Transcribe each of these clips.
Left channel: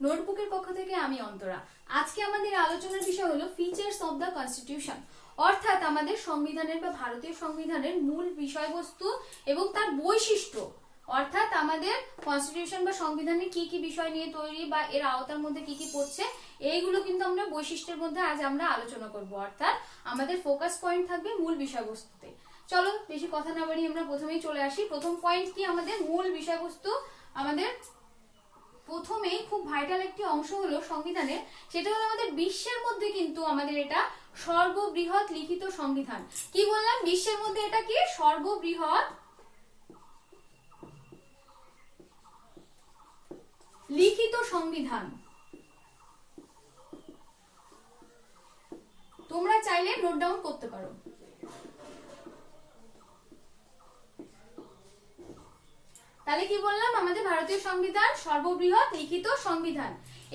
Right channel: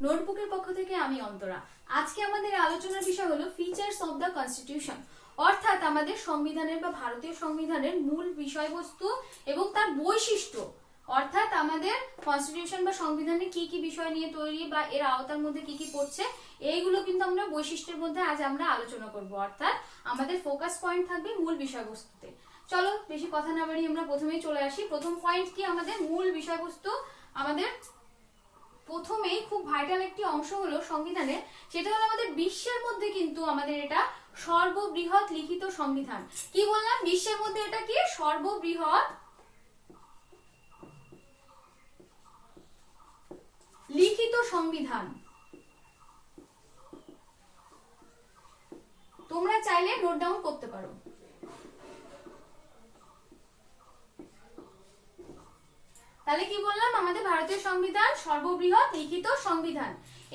নোটবুকের পক্ষ থেকে আমি অন্তরা। আজকে আমাদের আলোচনার বিষয় হলো ফিচার্স অফ দ্য কনস্টিটিউশন, অর্থাৎ আমাদের সংবিধানের বা ভারতীয় সংবিধানের মূল বিষয়বস্তু এবং তার বৈশিষ্ট্য, অর্থাৎ আমাদের কনস্টিটিউশন বা সংবিধানে কি কি বিষয় নিয়ে তৈরি বা এর আওতার মধ্যে কি কি পড়ছে, এইগুলো কিন্তু আমরা বৈশিষ্ট্যের মধ্যে আজ আমরা আলোচনা করব। অর্থাৎ আমাদের ফোকাস পয়েন্ট থাকবে মূল বিষয়বস্তুতে। চলো বেশি কথা না বাড়িয়ে আমরা প্রথমেই চলে আসি। প্রথম পয়েন্ট কি আমাদের মূল বিষয়বস্তু, আমাদের প্রথমেই খুব ভাইটাল একটি অংশ হলো সংবিধানে, সেটা হলো আমাদের বিশ্বের মধ্যে কিন্তু আমাদের এটা সর্ববৃহৎ লিখিত সংবিধান। কি বললাম? বিশ্বের মধ্যে এটা কি সর্ববৃহৎ লিখিত সংবিধান। তোমরা চাইলে নোট ডাউন করতে পারো। তাহলে কি বললাম? আমাদের ভারতীয় সংবিধান সর্ববৃহৎ লিখিত সংবিধান।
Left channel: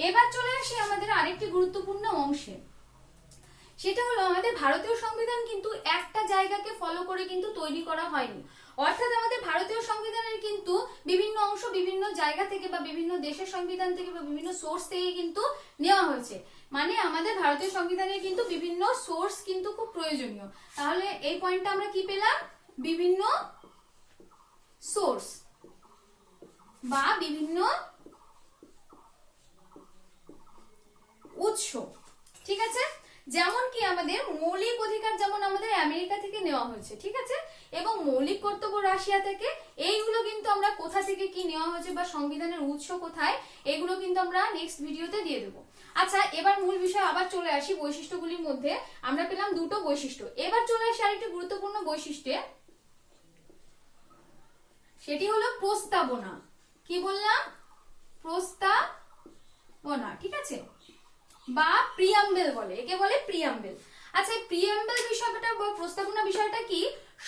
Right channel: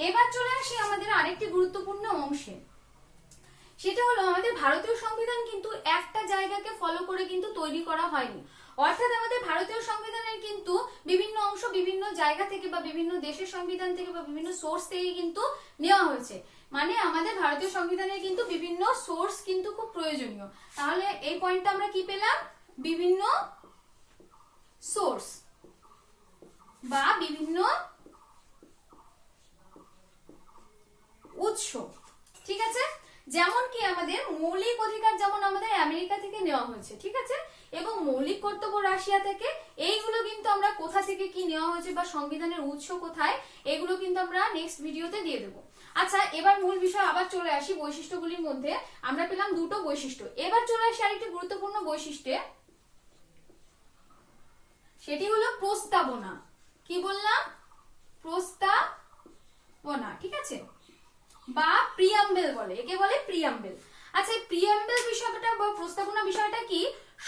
এবার চলে আসি আমাদের আরেকটি গুরুত্বপূর্ণ অংশে, সেটা হলো আমাদের ভারতীয় সংবিধান কিন্তু একটা জায়গাকে ফলো করে কিন্তু তৈরি করা হয়নি। অর্থাৎ আমাদের ভারতীয় সংবিধানের কিন্তু বিভিন্ন অংশ বিভিন্ন জায়গা থেকে বা বিভিন্ন দেশের সংবিধান থেকে বা বিভিন্ন সোর্স থেকে কিন্তু নেওয়া হয়েছে। মানে আমাদের ভারতীয় সংবিধানের কিন্তু বিভিন্ন সোর্স কিন্তু খুব প্রয়োজনীয়। তাহলে এই পয়েন্টটা আমরা কি পেলাম? বিভিন্ন সোর্স বা বিভিন্ন উৎস। ঠিক আছে? যেমন কি আমাদের মৌলিক অধিকার যেমন আমাদের আমেরিকা থেকে নেওয়া হয়েছে, ঠিক আছে, এবং মৌলিক কর্তব্য রাশিয়া থেকে। এইগুলো কিন্তু আমরা কোথা থেকে কি নেওয়া হয়েছে বা সংবিধানের উৎস কোথায়, এগুলো কিন্তু আমরা নেক্সট ভিডিওতে দিয়ে দেবো। আচ্ছা, এবার মূল বিষয় আবার চলে আসি। বৈশিষ্ট্যগুলির মধ্যে আমরা পেলাম দুটো বৈশিষ্ট্য। এবার চলে আসি আরেকটি গুরুত্বপূর্ণ বৈশিষ্ট্যে, সেটি হলো প্রস্তাবনা। কি বললাম? প্রস্তাবনা, ঠিক আছে, বা প্রিয়াম্বেল বলে, একে বলে প্রিয়াম্বেল। আচ্ছা, প্রিয়াম্বেল বিষয়টা বা প্রস্তাবনা বিষয়টা কি?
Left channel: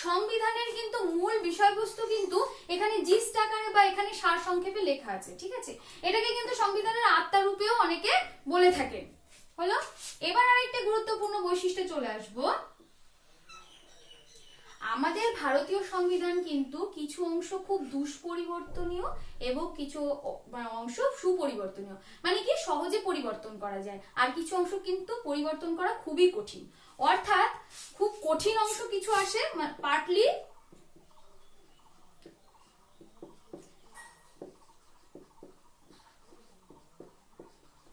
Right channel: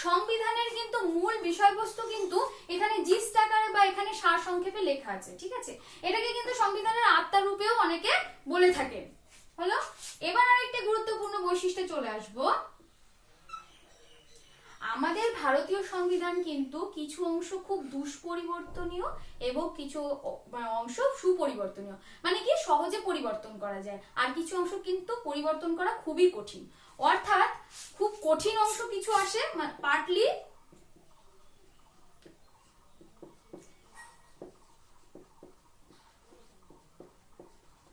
সংবিধানের কিন্তু মূল বিষয়বস্তু কিন্তু এখানে জিস্ট আকারে বা এখানে সার সংক্ষেপে লেখা আছে, ঠিক আছে। এটাকে কিন্তু সংবিধানের আত্মা রূপেও অনেকে বলে থাকে। হলো, এবার আরেকটা গুরুত্বপূর্ণ বৈশিষ্ট্যে চলে আসবো। আমাদের ভারতীয় সংবিধান কিন্তু কিছু অংশ খুব দুষ্পরিবর্তনীয় এবং কিছু অংশ সুপরিবর্তনীয়, মানে কি সহজে পরিবর্তন করা যায়, আর কিছু অংশ কিন্তু পরিবর্তন করা খুবই কঠিন। অর্থাৎ খুব কঠিন অংশ কিছু আসে, পার্টলি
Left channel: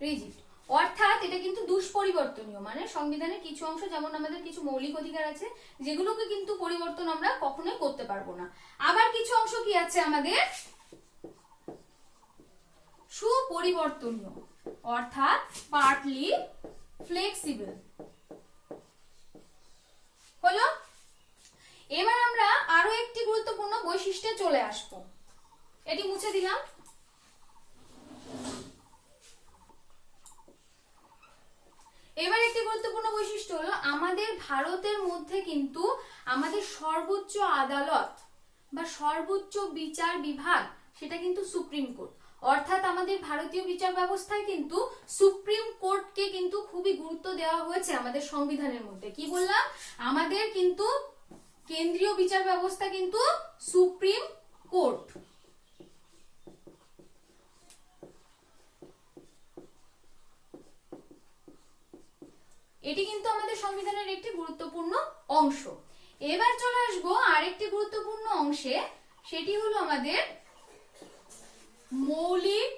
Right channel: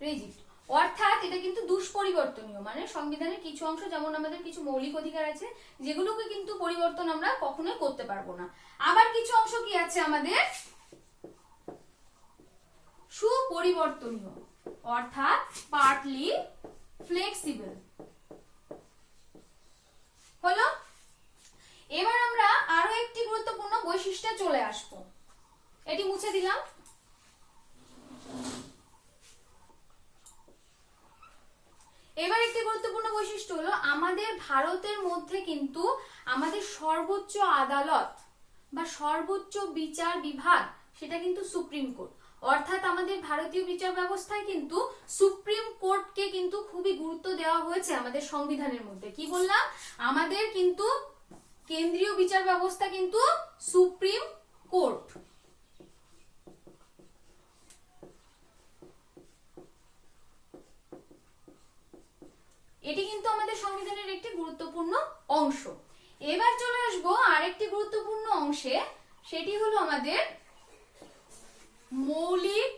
রিজিড, অর্থাৎ এটা কিন্তু দুষ্পরিবর্তনীয়। মানে সংবিধানের কিছু অংশ, যেমন আমাদের কিছু মৌলিক অধিকার আছে যেগুলোকে কিন্তু পরিবর্তন আমরা কখনোই করতে পারবো না। আবার কিছু অংশ কি আছে আমাদের সুপরিবর্তনীয়, অর্থাৎ পার্টলি ফ্লেক্সিবল। হলো, এবার আমরা আরো একটি গুরুত্বপূর্ণ বৈশিষ্ট্যে চলে আসবো। এটি মুছে দিলাম। এবার একটি গুরুত্বপূর্ণ বৈশিষ্ট্য হলো আমাদের ভারতের মধ্যে কিন্তু আমাদের সর্বোচ্চ আদালত বা সর্বোচ্চ বিচার বিভাগ সেটা কিন্তু সুপ্রিম কোর্ট। অর্থাৎ আমাদের ভারতীয় বিচার ব্যবস্থায় কিন্তু সুপ্রিম কোর্টকে কিন্তু খুবই গুরুত্ব দেওয়া হয়েছে আমাদের সংবিধানের মধ্যে। কি বললাম? আমাদের কিন্তু কেন্দ্রীয় বিচার ব্যবস্থা কিন্তু সুপ্রিম কোর্ট। এটি কিন্তু আমাদের সংবিধানের একটি গুরুত্বপূর্ণ অংশ। এবার চলে আসবো আরেকটি গুরুত্বপূর্ণ অংশে, সেটি হলো আমাদের মৌলিক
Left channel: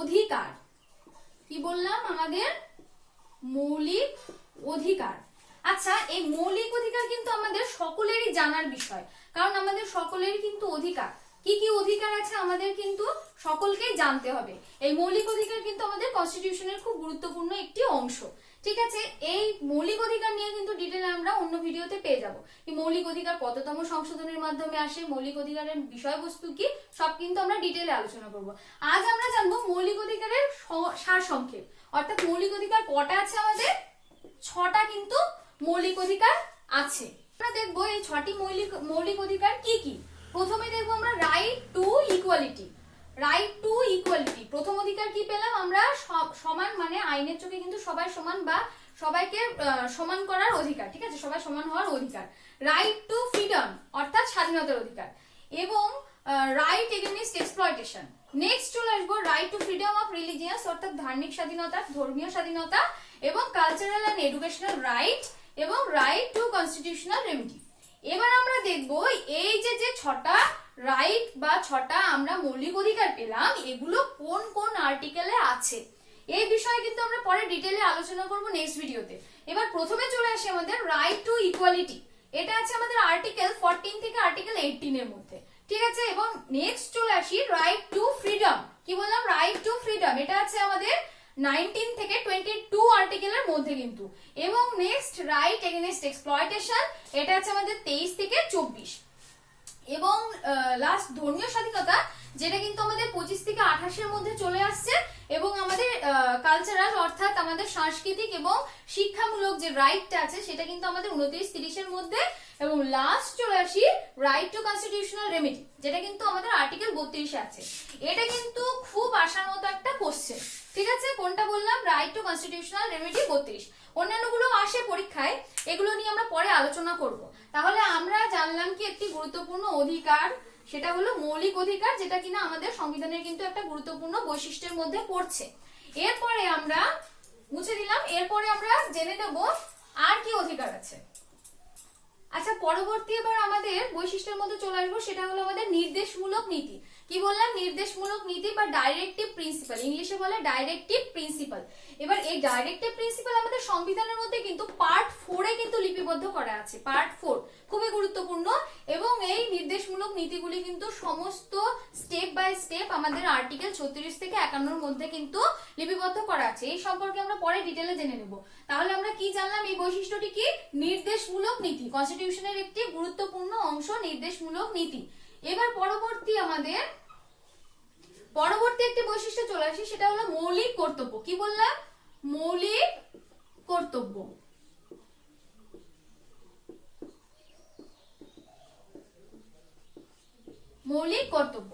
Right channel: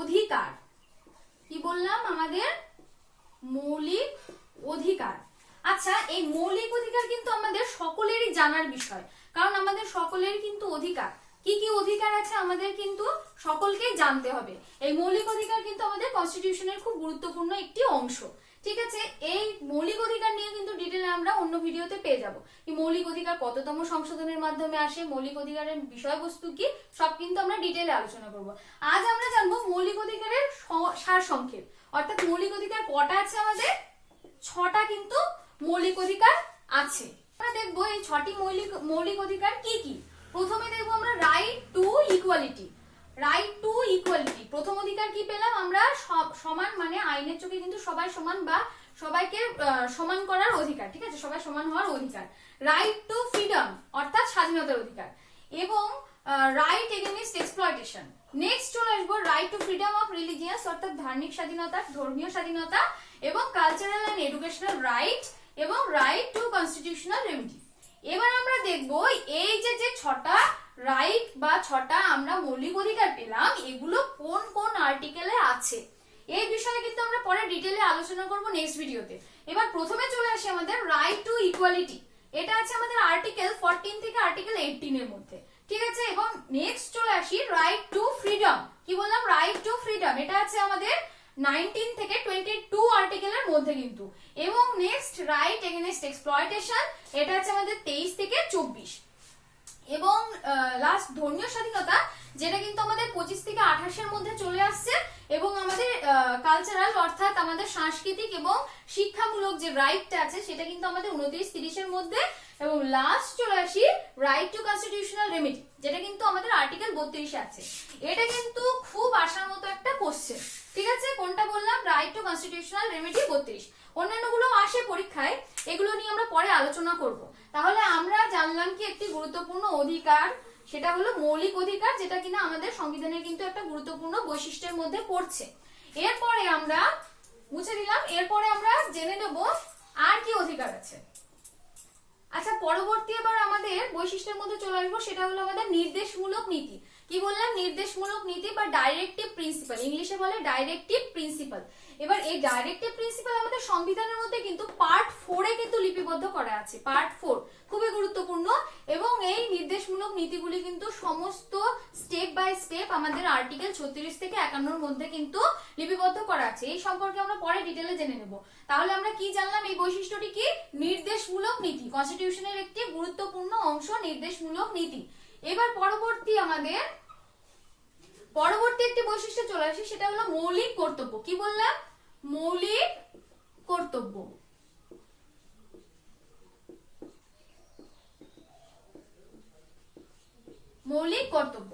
অধিকার। কি বললাম? আমাদের মৌলিক অধিকার। আচ্ছা, এই মৌলিক অধিকার কিন্তু আমাদের সকলেরই জানার বিষয়, কারণ আমাদের সকলেরই কিন্তু অধিকার। কি কি অধিকার আছে আমাদের কিন্তু সকলকেই জানতে হবে। এই মৌলিক অধিকার কিন্তু আমাদের কনস্টিটিউশনের খুব গুরুত্বপূর্ণ একটি অংশ, ঠিক আছে। এই মৌলিক অধিকার নিয়ে কিন্তু ডিটেইলে আমরা অন্য ভিডিওতে পেয়ে যাব। এই মৌলিক অধিকার কততম সংশোধনের মাধ্যমে আসে, মৌলিক অধিকারের বিষয়বস্তু কি, সব কিন্তু আমরা ডিটেইলে আলোচনা করব। আজ আমরা জানবো মৌলিক অধিকারের সারসংক্ষেপ, অর্থাৎ মৌলিক অধিকার কটা আছে আমাদের? 6টা কিন্তু মৌলিক অধিকার আছে। আমরা দেখবো এই 6টি মৌলিক অধিকার কি কি। প্রথমে দেখবো আমরা right to equality. Right to equality, প্রথম অধিকার কি পেলাম আমরা? সমান, মানে আইনের চোখে কিন্তু সবাই সমান বা সবাইকে সমান করার অধিকার, ঠিক আছে, সবাই সমান হওয়ার অধিকার। রাইট টু ফ্রিডম, অর্থাৎ স্বাধীনতার অধিকার, এবং right against exploitation. Exploitation. Next চলে আসবো right two freedom of religious অর্থাৎ ধার্মিক স্বাধীনতা, ধর্মীয় স্বাধীনতা এবং কালচারাল এন্ড এডুকেশনাল রাইট এবং রাইট টু কনস্টিটিউশনাল রেমেডি। এবার আমরা দেখব এই যে ছটা রাইট বা ছটা আমরা মৌলিক অধিকার পেলাম এগুলো কোন কোন আর্টিকেলে আছে, এই বিষয়ে কিন্তু আমরা পরে ডিটেইলে আলোচনা করব নেক্সট ভিডিওতে। এবার প্রথমে চলে আসি আমাদের রাইট টু ইকুয়ালিটি, এটা আছে আমাদের আর্টিকেল 14 থেকে আর্টিকেল 18 এর মধ্যে, ঠিক আছে। এবং নেক্সট চলে আসি রাইট টু ফ্রিডম, কি বললাম রাইট টু ফ্রিডম, এটা আছে আমাদের 19 থেকে 22 আর্টিকেলের মধ্যে কিন্তু। এবং নেক্সট রাইট এগেইনস্ট এক্সপ্লয়টেশন, এটা আছে আমাদের 23 থেকে 24। এবং লাস্ট ধর্মীয় স্বাধীনতা, যেটা কিন্তু আমাদের 25 থেকে 28 এর মধ্যে চলে আসছে। এবং আমাদের কালচারাল অর্থাৎ আমাদের সাংস্কৃতিক এবং শিক্ষামূলক যে রাইটটা আছে সেটা কিন্তু আমাদের 29-30 এর মধ্যে। এবং লাস্ট চলে আসি রাইট টু কনস্টিটিউশনাল রেমেডি, যেটা কিন্তু আমাদের আর্টিকেল 32 এ আছে। এটা কিন্তু খুব আসার মতো একটা কোশ্চেন, ঠিক আছে। কোনটা বললাম রাইট টু কনস্টিটিউশনাল রেমেডি 32, অন্যান্যগুলো আসে পরীক্ষায়, এগুলো নিয়ে আমরা পরে আলোচনা করব। তাহলে আমরা জানলাম কি একটি গুরুত্বপূর্ণ অধিকার, সেটা হলো মৌলিক অধিকার, যেটা কিনা আমাদের সংবিধানের কিন্তু একটা গুরুত্বপূর্ণ বৈশিষ্ট্যের মধ্যে পড়ছে। এরপরে আমরা মুছে দিলাম, এরপরে আমরা জেনে নেব আর কি অধিকার আছে। আচ্ছা, পরবর্তী এবার আমাদের বৈশিষ্ট্যের মধ্যে চলে আসবো, সেটা হলো আমাদের নির্দেশমূলক নীতি। কি বললাম নির্দেশমূলক নীতি বা ডাইরেক্টিভ প্রিন্সিপাল, ইংলিশে বলে ডাইরেক্টিভ প্রিন্সিপাল। এবার এই ডাইরেক্টিভ প্রিন্সিপাল আমাদের সংবিধানের মধ্যে কিন্তু পার্ট 4 এ কিন্তু লিপিবদ্ধ করা আছে, পার্ট 4 খুবই গুরুত্বপূর্ণ। এবং এই নির্দেশমূলক নীতিগুলি কিন্তু সমস্ত স্টেপ বাই স্টেপ আমাদের আর্টিকেল 36 থেকে 51 এর মধ্যে কিন্তু লিপিবদ্ধ করা আছে। এই সম্পর্কে আমরা পরে ডিটেইলে জেনে নেব। তাহলে আমরা কি জানলাম, এই বৈশিষ্ট্যটি কি নির্দেশমূলক নীতি, কনস্টিটিউশনের একটি গুরুত্বপূর্ণ অংশ নির্দেশমূলক নীতি। এবার পরবর্তী একটি বৈশিষ্ট্য চলে আসে, সেটা হলো মৌলিক কর্তব্য। কি বললাম মৌলিক কর্তব্য। মৌলিক কর্তব্য,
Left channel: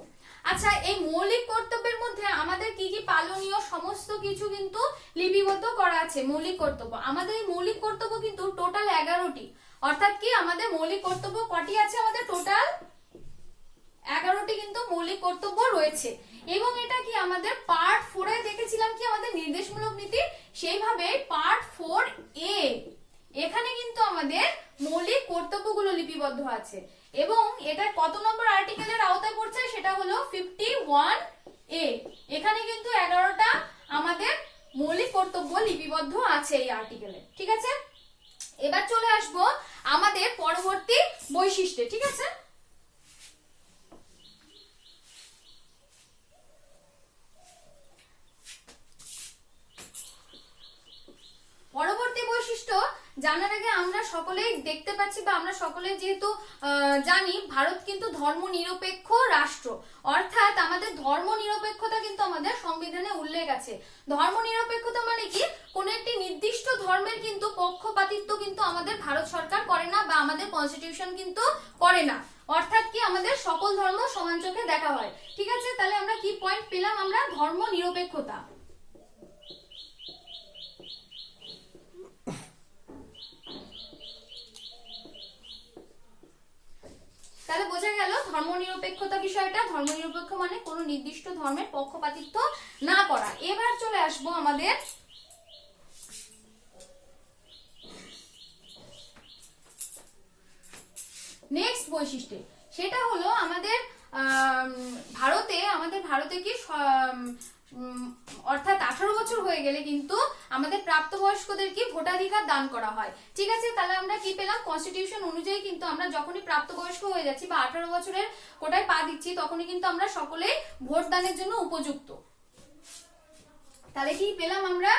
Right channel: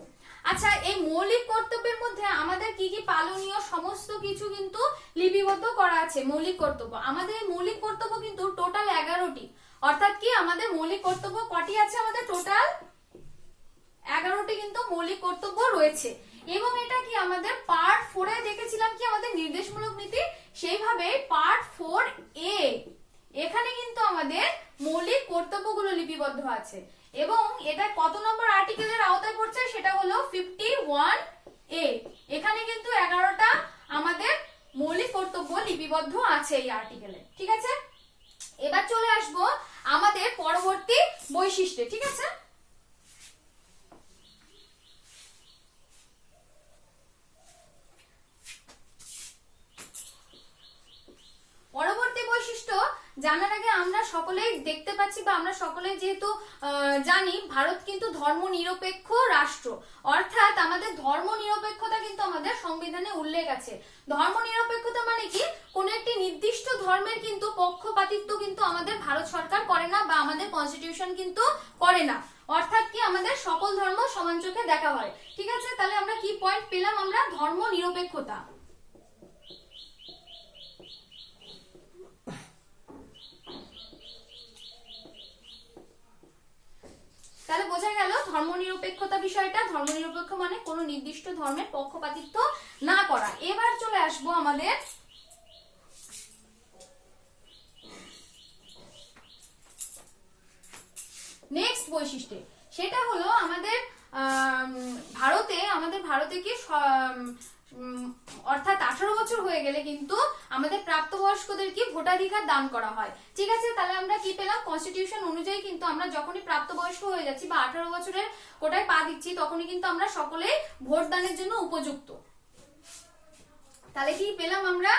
আচ্ছা এই মৌলিক কর্তব্যের মধ্যে আমাদের কি কি পালনীয় সমস্ত কিছু কিন্তু লিপিবদ্ধ করা আছে। মৌলিক কর্তব্য, আমাদের এই মৌলিক কর্তব্য কিন্তু টোটাল 11টি, অর্থাৎ কি আমাদের মৌলিক কর্তব্য কটি আছে, আমাদের টোটাল 11টি কিন্তু মৌলিক কর্তব্য রয়েছে। এবং এটা কি আমাদের পার্ট 4 এ দেখেছিলাম কি আমাদের নির্দেশমূলক নীতি, সেইভাবে পার্ট 4A এখানে কিন্তু আমাদের মৌলিক কর্তব্যগুলো লিপিবদ্ধ আছে। এবং এটা কত নম্বর আর্টিকেলের আওতায় পড়ছে, সেটা হলো 51A। এখানে কিন্তু 11টা আমাদের মৌলিক কর্তব্য লিপিবদ্ধ আছে এই আর্টিকেলে, ঠিক আছে। এবার চলে আসবো আমাদের পরবর্তী বৈশিষ্ট্যে, ঠিক আছে। পরবর্তী বৈশিষ্ট্য জানার আগে আমরা সকলেই দেখতে পাচ্ছি বা আমরা সকলে যেহেতু জানি ভারত কিন্তু ধর্ম নিরপেক্ষ রাষ্ট্র, অর্থাৎ আমাদের ধর্ম নিরপেক্ষতা কিন্তু আমাদের সংবিধানে উল্লেখ আছে। ধর্ম নিরপেক্ষতা মানে কি, কোন একটি নির্দিষ্ট ধর্মের কিন্তু পক্ষপাতিত্ব কিন্তু আমাদের ভারত সরকার করে না বা আমাদের কনস্টিটিউশন কিন্তু করে না, অর্থাৎ কি আমাদের সকল ধর্ম সমান চোখে দেখা হয়, ঠিক আছে। তাহলে আমরা কি পয়েন্ট পেলাম, আমরা ধর্ম নিরপেক্ষতা। তাহলে বোঝা গেল ধর্মনিরপেক্ষতা বিষয়টা, ধর্মনিরপেক্ষ মানে কোনো নির্দিষ্ট ধর্মের পক্ষপাতিত্ব না করা। এবার চলে আসবো আমাদের নেক্সট বৈশিষ্ট্য, সেটা হলো আমাদের ভারতে কি অর্থাৎ 18 বছর হয়ে গেলে কিন্তু আমাদের প্রাপ্তবয়স্কদের কি ভোটাধিকার দান করা হয়, ঠিক আছে। তাহলে আমরা কি পেলাম, কনস্টিটিউশন অনুযায়ী কিন্তু আমরা যখনই প্রাপ্তবয়স্ক হয়ে যাচ্ছি বা 18 বছরের কোটায় পা দিচ্ছি তখনই কিন্তু আমরা সকলেই ভোট দানের জন্য উপযুক্ত। তাহলে কি পেলাম আমরা,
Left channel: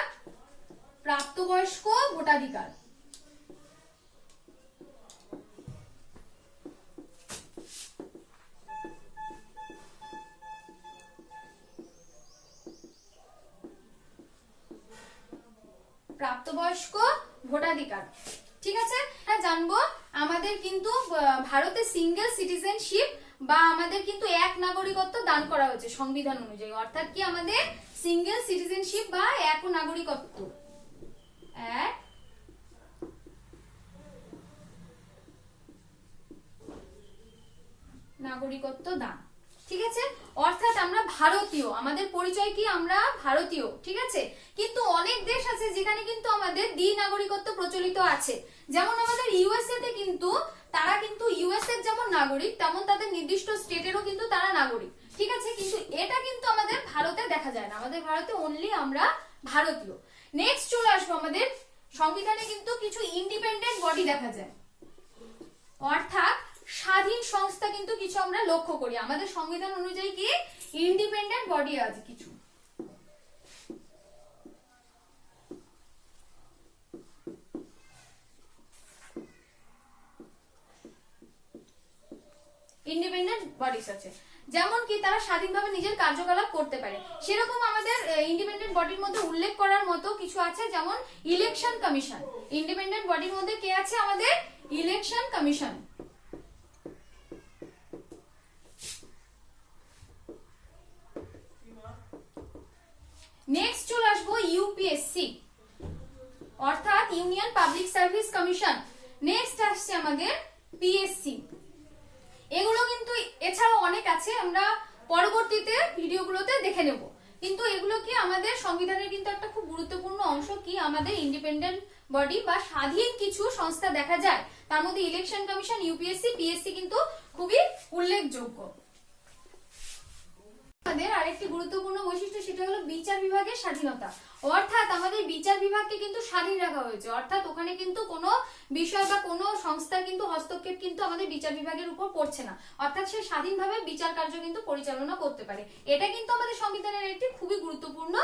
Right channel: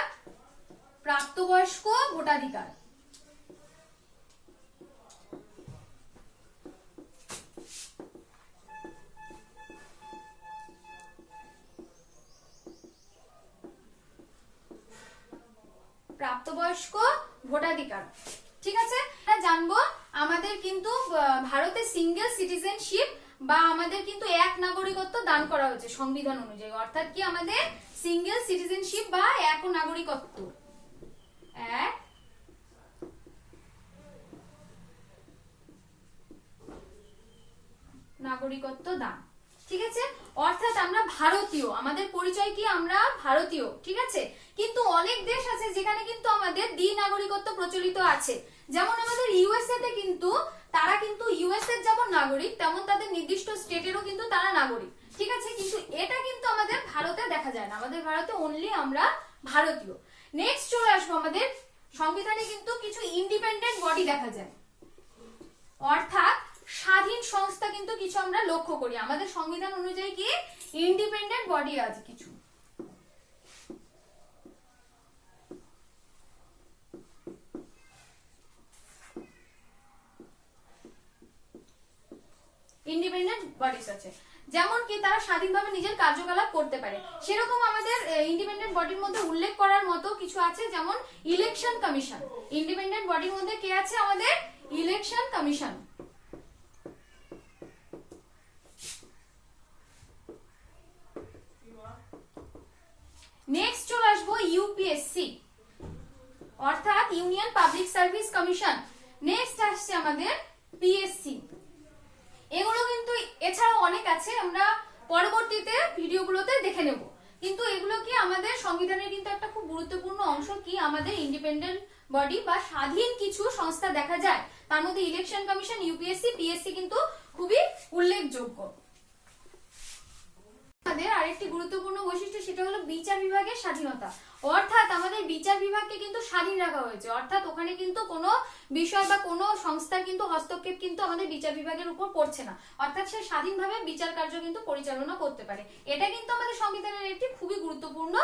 প্রাপ্তবয়স্ক ভোটাধিকার। প্রাপ্তবয়স্ক ভোটাধিকার, ঠিক আছে। জানবো আমাদের কিন্তু ভারতে সিঙ্গেল সিটিজেনশিপ বা আমাদের কিন্তু এক নাগরিকত্ব দান করা হয়েছে সংবিধান অনুযায়ী, অর্থাৎ কি আমাদের সিঙ্গেল সিটিজেনশিপ বা এক নাগরিকত্ব, এক নাগরিকত্ব দান, ঠিক আছে। অর্থাৎ আমরা ভারতীয়, আমাদের পরিচয় কি আমরা ভারতীয়, ঠিক আছে। কিন্তু অনেক দেশ আছে যেখানে কিন্তু আমাদের দ্বি-নাগরিকত্ব প্রচলিত আছে। যেমন আমাদের ইউএসএ তে কিন্তু তারা কিন্তু ইউএসএ এর যেমন নাগরিক তেমন তাদের নির্দিষ্ট স্টেটেরও কিন্তু তারা নাগরিক, ঠিক আছে। কিন্তু এটা কিন্তু আমাদের ভারতে দেখা যায় না, আমাদের ভারতে অনলি আমরা ভারতীয়। নেক্সট চলে আসবো, আমাদের সংবিধানে কিন্তু কিছু ইন্ডিপেন্ডেন্ট বডি দেখা যায়, অর্থাৎ স্বাধীন সংস্থা কিন্তু কিছু আমরা লক্ষ্য করি। আমাদের সংবিধান অনুযায়ী কি ইন্ডিপেন্ডেন্ট বডি আছে কিছু। ইন্ডিপেন্ডেন্ট বডিস আছে, যেমন কি তারা স্বাধীনভাবে নিজের কার্যকলাপ করতে পারে। সেরকম আমাদের ইন্ডিপেন্ডেন্ট বডির মধ্যে উল্লেখ করার মতো কিছু আছে, যেমন ইলেকশন কমিশন। ইন্ডিপেন্ডেন্ট বডির মধ্যে কে আছে? আমাদের ইলেকশন কমিশন। নেক্সট চলে আসবো ইউপিএসসি, অর্থাৎ union public service commission. Next আসছে আমাদের পিএসসি। এগুলো কিন্তু এছাড়াও অনেক আছে, আমরা পরবর্তীতে ভিডিওগুলোতে দেখে নেব। কিন্তু এগুলো কি আমাদের সংবিধানের কিন্তু একটা খুব গুরুত্বপূর্ণ অংশ, কি আমাদের ইন্ডিপেন্ডেন্ট বডি বা স্বাধীন কিছু সংস্থা দেখা যায়। তার মধ্যে ইলেকশন কমিশন, ইউপিএসসি, পিএসসি কিন্তু খুবই উল্লেখযোগ্য। আমাদের আরেকটি গুরুত্বপূর্ণ বৈশিষ্ট্য, সেটা হলো বিচার বিভাগের স্বাধীনতা। অর্থাৎ আমাদের বিচার বিভাগকে কিন্তু স্বাধীন রাখা হয়েছে, অর্থাৎ ওখানে কিন্তু কোনো বিষয় বা কোনো সংস্থার কিন্তু হস্তক্ষেপ কিন্তু আমাদের বিচার বিভাগের উপর পড়ছে না, অর্থাৎ সে স্বাধীনভাবে বিচার কার্য কিন্তু পরিচালনা করতে পারে। এটা কিন্তু আমাদের সংবিধানের একটি খুবই গুরুত্বপূর্ণ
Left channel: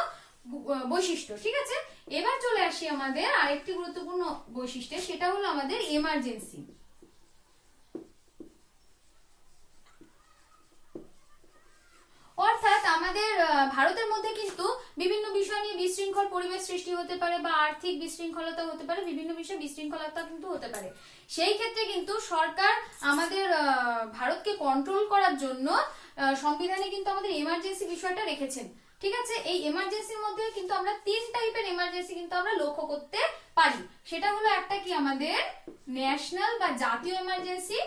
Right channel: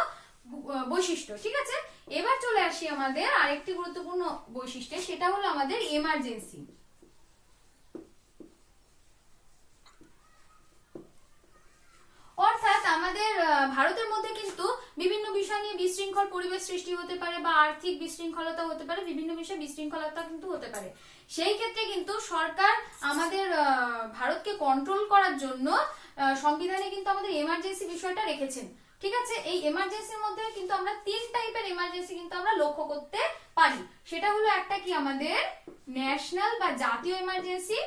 বৈশিষ্ট্য, ঠিক আছে। এবার চলে আসি আমাদের আরেকটি গুরুত্বপূর্ণ বৈশিষ্ট্য, সেটা হলো আমাদের এমার্জেন্সি। অর্থাৎ আমাদের ভারতের মধ্যে কিন্তু বিভিন্ন বিষয় নিয়ে বিশৃঙ্খল পরিবেশ সৃষ্টি হতে পারে বা আর্থিক বিশৃঙ্খলতা হতে পারে, বিভিন্ন বিষয়ে বিশৃঙ্খলতা কিন্তু হতে পারে। সেই ক্ষেত্রে কিন্তু সরকার আমাদের ভারতকে কন্ট্রোল করার জন্য সংবিধানে কিন্তু আমাদের এমার্জেন্সি বিষয়টা রেখেছেন, ঠিক আছে। এই এমার্জেন্সির মধ্যে কিন্তু আমরা 3 টাইপের এমার্জেন্সি কিন্তু আমরা লক্ষ্য করতে পারি। সেটা হলো একটা কি আমাদের ন্যাশনাল বা জাতীয় এমার্জেন্সি,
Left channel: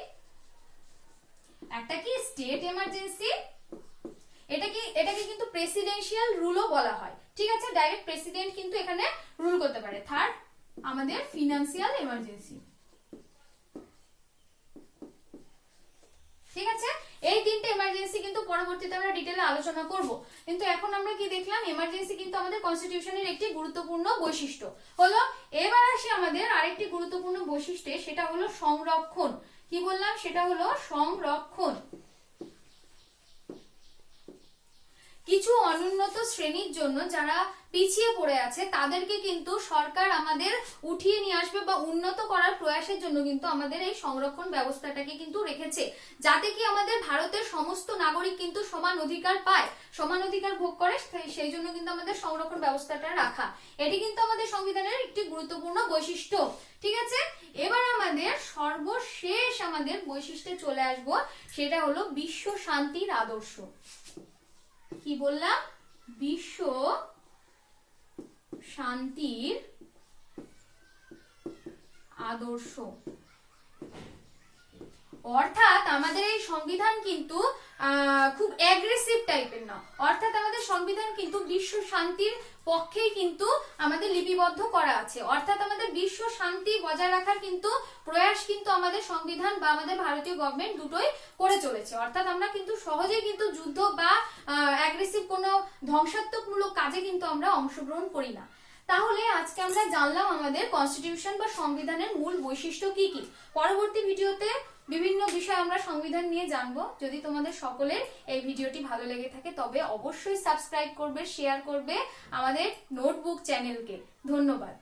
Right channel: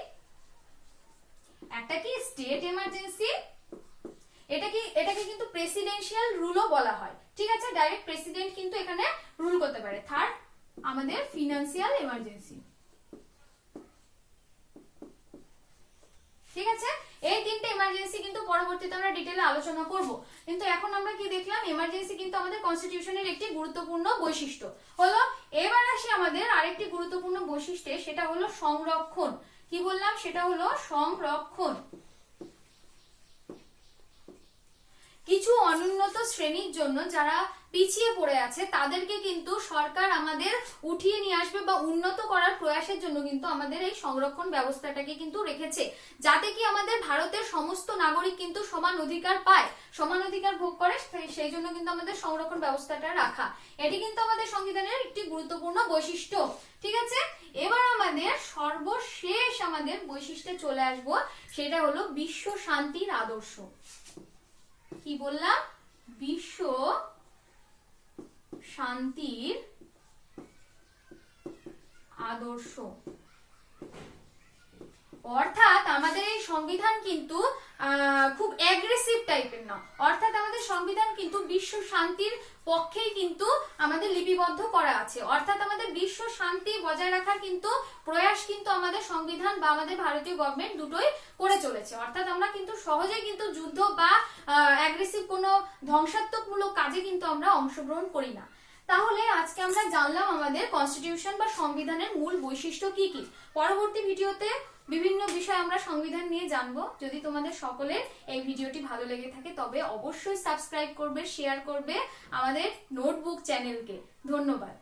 একটা কি স্টেট এমার্জেন্সি, এটাকে কিন্তু প্রেসিডেন্সিয়াল রুলও বলা হয়, ঠিক আছে। ডাইরেক্ট প্রেসিডেন্ট কিন্তু এখানে রুল করতে পারে। থার্ড আমাদের ফিনান্সিয়াল এমার্জেন্সি, ঠিক আছে। এই 3টে এমার্জেন্সি কিন্তু পরবর্তীতে আমরা ডিটেইলে আলোচনা করব। কিন্তু এখন আমরা কি দেখলাম, এমার্জেন্সি কিন্তু আমাদের কনস্টিটিউশনের একটি গুরুত্বপূর্ণ বৈশিষ্ট্য হলো। এবার আসি আমাদের আরেকটি গুরুত্বপূর্ণ বৈশিষ্ট্য, সেটা হলো সংরক্ষণ। কি বললাম? সেটা হলো সংরক্ষণ। কিছু অনুন্নত শ্রেণীর জন্য, যারা পিছিয়ে পড়ে আছে, তাদেরকে কিন্তু সরকার আমাদের উঠিয়ে নিয়ে আসবে বা উন্নত করার প্রয়াসের জন্য কিন্তু আমাদের এই সংরক্ষণ ব্যবস্থাটাকে কিন্তু রেখেছে, যাতে কি আমাদের ভারতের সমস্ত নাগরিক কিন্তু সমান অধিকার পায়, সমান অধিকার ভোগ করে। সেই জন্য কিন্তু আমাদের সংরক্ষণ ব্যবস্থাটা রাখা, এটি কিন্তু আমাদের সংবিধানের একটি গুরুত্বপূর্ণ বৈশিষ্ট্য, ঠিক আছে। এবার আমাদের সর্বশেষ আমাদের বৈশিষ্ট্যে চলে আসবো, সেটা হলো বিশ্ব শান্তির আদর্শ। কি বললাম? বিশ্ব শান্তির আদর্শ। অর্থাৎ আমাদের এই সংবিধান কিন্তু খুব অ্যাগ্রেসিভ টাইপের না, অর্থাৎ আমাদের সংবিধান কিন্তু বিশ্ব শান্তির পক্ষেই কিন্তু আমাদের লিপিবদ্ধ করা আছে। অর্থাৎ আমাদের বিশ্ব শান্তি বজায় রাখার কিন্তু প্রয়াস কিন্তু আমাদের সংবিধান বা আমাদের ভারতীয় গভর্নমেন্ট দুটোই করে চলেছে। অর্থাৎ আমরা কিন্তু সহজেই কিন্তু যুদ্ধ বা অ্যাগ্রেসিভ কোনো ধ্বংসাত্মকমূলক কাজে কিন্তু আমরা অংশগ্রহণ করি না। তাহলে আজকে আমরা জানলাম আমাদের কনস্টিটিউশন বা সংবিধানের মূল বৈশিষ্ট্য কি কি। পরবর্তী ভিডিওতে বিভিন্ন বিষয় আমরা সংবিধান নিয়ে জানবো। যদি তোমাদের সকলের এই ভিডিওটি ভালো লেগে থাকে তবে অবশ্যই সাবস্ক্রাইব করবে, শেয়ার করবে আমাদের নোটবুক চ্যানেলকে। ধন্যবাদ।